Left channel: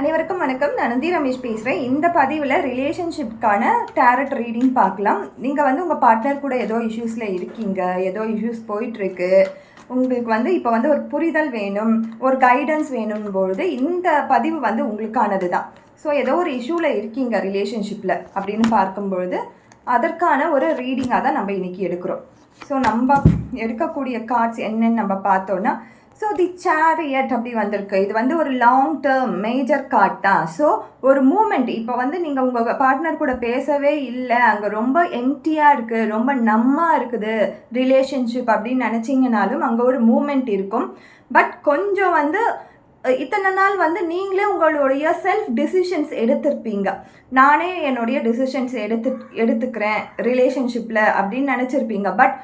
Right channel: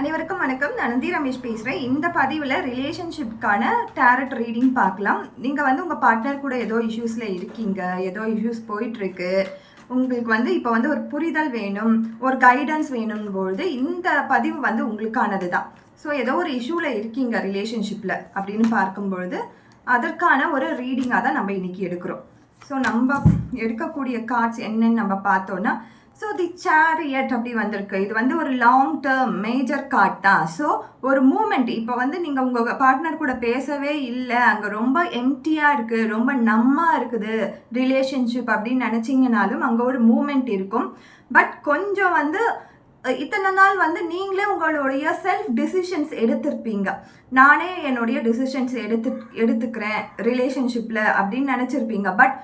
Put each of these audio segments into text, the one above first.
அனைவருக்கும் வணக்கம். நான் நந்தி ரமேஷ் பேசுகிறேன். இந்த பதிவில் ரிலேஷன்ஷிப்கான டேரட் ரீடிங் பார்க்கலாம். நீங்கள் உங்கள் பார்ட்னர் கூட ஏதோ இஷ்யூஸில் இருக்கீங்க, ஏதோ இஷ்யூஸ் போயிட்டுருக்கு, உங்களுக்கு இப்போ ஒரு புரிதல் வேணும், ஒரு கைடன்ஸ் வேணும்பொழுது இந்த பதிவு உங்களுக்கானது தான். ஸோ ஏதோ ஒரு இஷ்யூவில் இருக்கீங்க ரிலேஷன்ஷிப்பில் அப்படின்னு பார்க்கும்பொழுது அதற்கான ஒரு ரீடிங்காக தான் நம்ம இன்றைக்கி எடுக்கிறோம். ஸோ நம்ம எடுக்கக்கூடிய கார்ட்ஸ் என்னன்னு நம்ம பார்த்தோன்னா, ஸோ தி சேரியட் அப்படி வந்திருக்கு. இது ஒரு லாங் டேர்ம் மேஜர் கார்ட் தான். ஸோ ஒரு மூமெண்ட் இப்போ நீங்கள் உங்கள் பார்ட்னர் கூட பேசவே இல்லை, அங்கே ரொம்ப எம்டியாக இருக்குது, ரொம்ப நம்மாக இருக்குது ரிலேஷன்ஷிப் அப்படின்னு நினச்சிங்கனாலும் அங்கே ஒரு மூமெண்ட் இருக்கும். பட் கொஞ்சம் இத்தனை நாள் நீங்களே உங்களுடைய செல்ஃப் டிசிஷன்ஸ் எடுத்திருப்பீங்க. நானே என்னுடைய டிசிஷன்ஸ் எடுத்துக்கிறேன் ரிலேஷன்ஷிப்பில் அப்படின்னு நினச்சிருப்பீங்க. பட்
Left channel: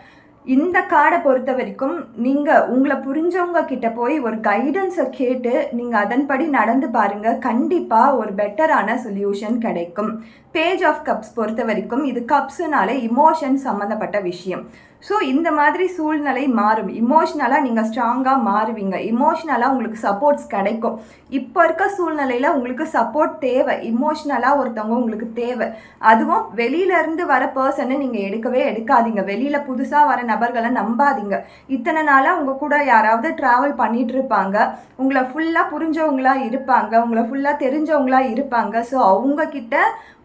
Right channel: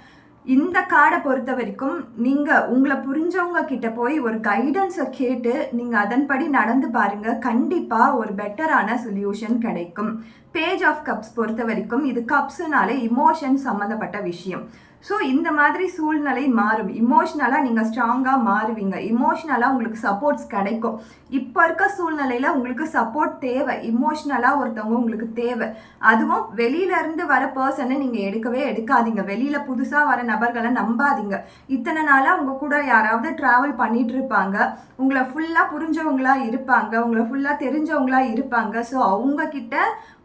இந்த கார்டை பொறுத்த வரைக்கும் நீங்கள் உங்களை புரிஞ்சவங்க கிட்ட போய் ஒரு கைடன்ஸை கேட்டு நீங்கள் அதன்படி நடந்து பாருங்கள். கண்டிப்பாக ஒரு பெட்டரான சொல்யூஷன் கிடைக்கும். பேஜ் ஆஃப் கப்ஸ் பொறுத்த வரைக்கும் இது கப்ஸுனாலே இமோஷன் சம்மந்தப்பட்ட விஷயம். ஸோ இந்த மாதிரி சூழ்நிலை மாறும். இமோஷ்னலாக நீங்கள் ஸ்ட்ராங்காக மாறுவீங்க. இமோஷ்னலாக உங்களுக்கு சப்போர்ட்ஸ் கிடைக்கும். இப்போ இருக்க சூழ்நிலையில் உங்களுக்கு சப்போர்ட் தேவை. இமோஷ்னலாக ஒருத்தவங்க உங்களுக்கு தேவை. அதுவும் வெளியிலேருந்து வர பர்சனை நீங்கள் எடுக்காதீங்க. வெளியில் புதுசாக வர நபர்களை நம்பாதீங்க. இத்தனை நாளாக உங்கள் கூட யாராவது ட்ராவல் பண்ணிகிட்டு இருப்பாங்க, உங்களை ஃபுல்லாக புரிஞ்சவங்களாக இருப்பாங்க, உங்களை ஃபுல்லாக தெரிஞ்சவங்களாக இருப்பாங்க. ஸோ அவங்கக்கிட்ட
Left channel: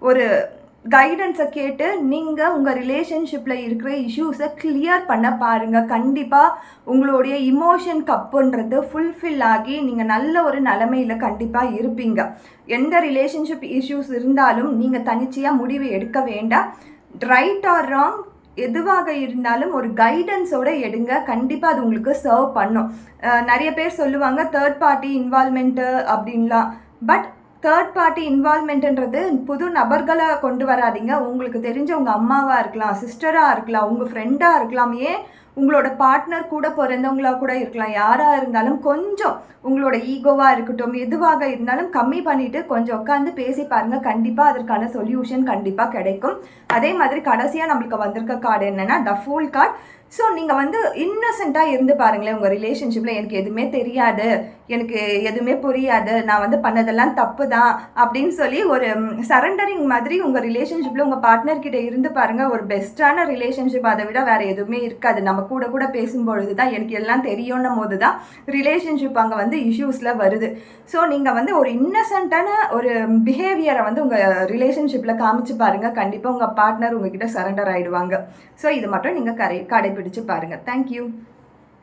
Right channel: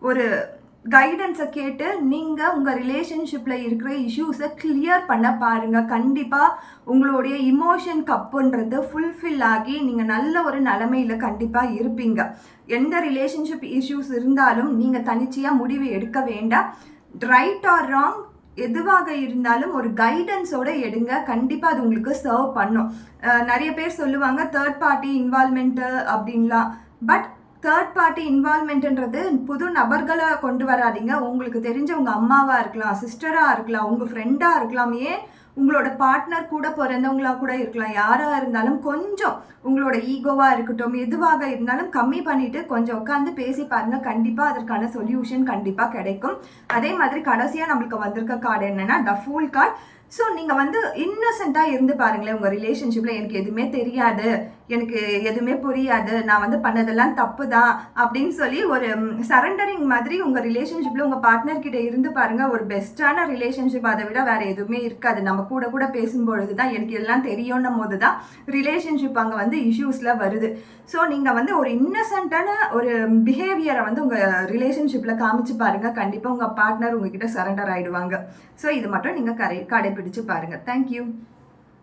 ஒரு கைடன்ஸை கேட்டு நீங்கள் உங்கள் ரிலேஷன்ஷிப்பில் இருக்கிற இஷ்யூஸை கிளியர் பண்ண பாருங்கள். கண்டிப்பாக உங்களுடைய இமோஷன் கப்புன்றது ஃபுல்ஃபில் ஆகி நீங்கள் நல்ல ஒரு நிலைமையில் கண்டிப்பாக இருப்பீங்க. எந்த ரிலேஷன்ஷிப் இஷ்யூஸ் இருந்தாலும் நீங்கள் தனிச்சையாக முடிவு எடுக்க வேண்டாம். ரைட் ஆர் ராங் எதுவாக இருந்தாலும் ஒரு கைடன்ஸோடு எடுங்க. கண்டிப்பாக அது உங்களுக்கு சர்வ் பண்ணும். நிறைய பேர் சொல்லுவாங்க தேர்ட் பார்ட்டி இன்வால்மெண்ட்டு அப்படின்லாம். பட் தேர்ட் பார்ட்டி இன்வால்மெண்ட்ன்றது புது நபர்களை கொண்டு வராதிங்க. உங்களுக்கு தெரிஞ்ச உங்கள் அம்மாவாக இருக்கலாம், சிஸ்டராக இருக்கலாம், உங்கள் ஃப்ரெண்டாக இருக்கலாம், ஏன் உங்களோட பார்ட்னர் கூட பிறந்தவங்களாக கூட இருக்கலாம். யாராக இருந்தாலும் கொஞ்சம் உங்களோட ஈகோவாக இருக்கட்டும், எதுவாக இருந்தாலும் கம்மி பண்ணிவிட்டு கொஞ்சம் உட்காந்து பேசி பாருங்கள். கண்டிப்பாக அதற்கான சொல்யூஷன் கண்டிப்பாக கிடைக்கும். அதே மாதிரி கடைசியாக நம்மளுக்கு வந்திருக்க கார்டு என்னென்னா த ஃபூல் கார்டு. ஸோ நீங்கள் இன்னசென்ட்டாக இருந்து பாருங்களேன். உங்கள் ரிலேஷன்ஷிப்பில் எனக்கு எதுவுமே தெரியாது, எனக்கு எதுவுமே புரியாது, நான் பண்ணதெல்லாம் தப்பு தான் அப்படின்னு சொல்லி ஒரு சரண்டரிங் மாதிரி உங்கள் ரிலேஷன்ஷிப்பில் உங்கள் பார்ட்னர்கிட்ட இருந்து பாருங்கள். ஒரு பெஸ்ட்டான ரிலேஷன்ஷிப் அதை விட வேறு எதுவுமே இருக்காது. நம்ம கூட பேசும்பொழுது தான் எனக்கு எல்லாம் தெரியும்னும் போது தான் ரிலேஷன்ஷிப் அங்கே இஷ்யூஸில் வருது. ஸோ நீங்கள் ஒரு இன்னசென்ட்டான ஒரு பிஹேவியரை உங்கள் ரிலேஷன்ஷிப்பில் காமிச்சு பாருங்கள். கண்டிப்பாக உங்கள் பார்ட்னர் உங்ககிட்ட சரண்டர் ஆகிடுவாங்க. ஸோ இது மட்டும் நீங்கள் கடைபிடிச்சு பாருங்கள். தேங்க்யூ.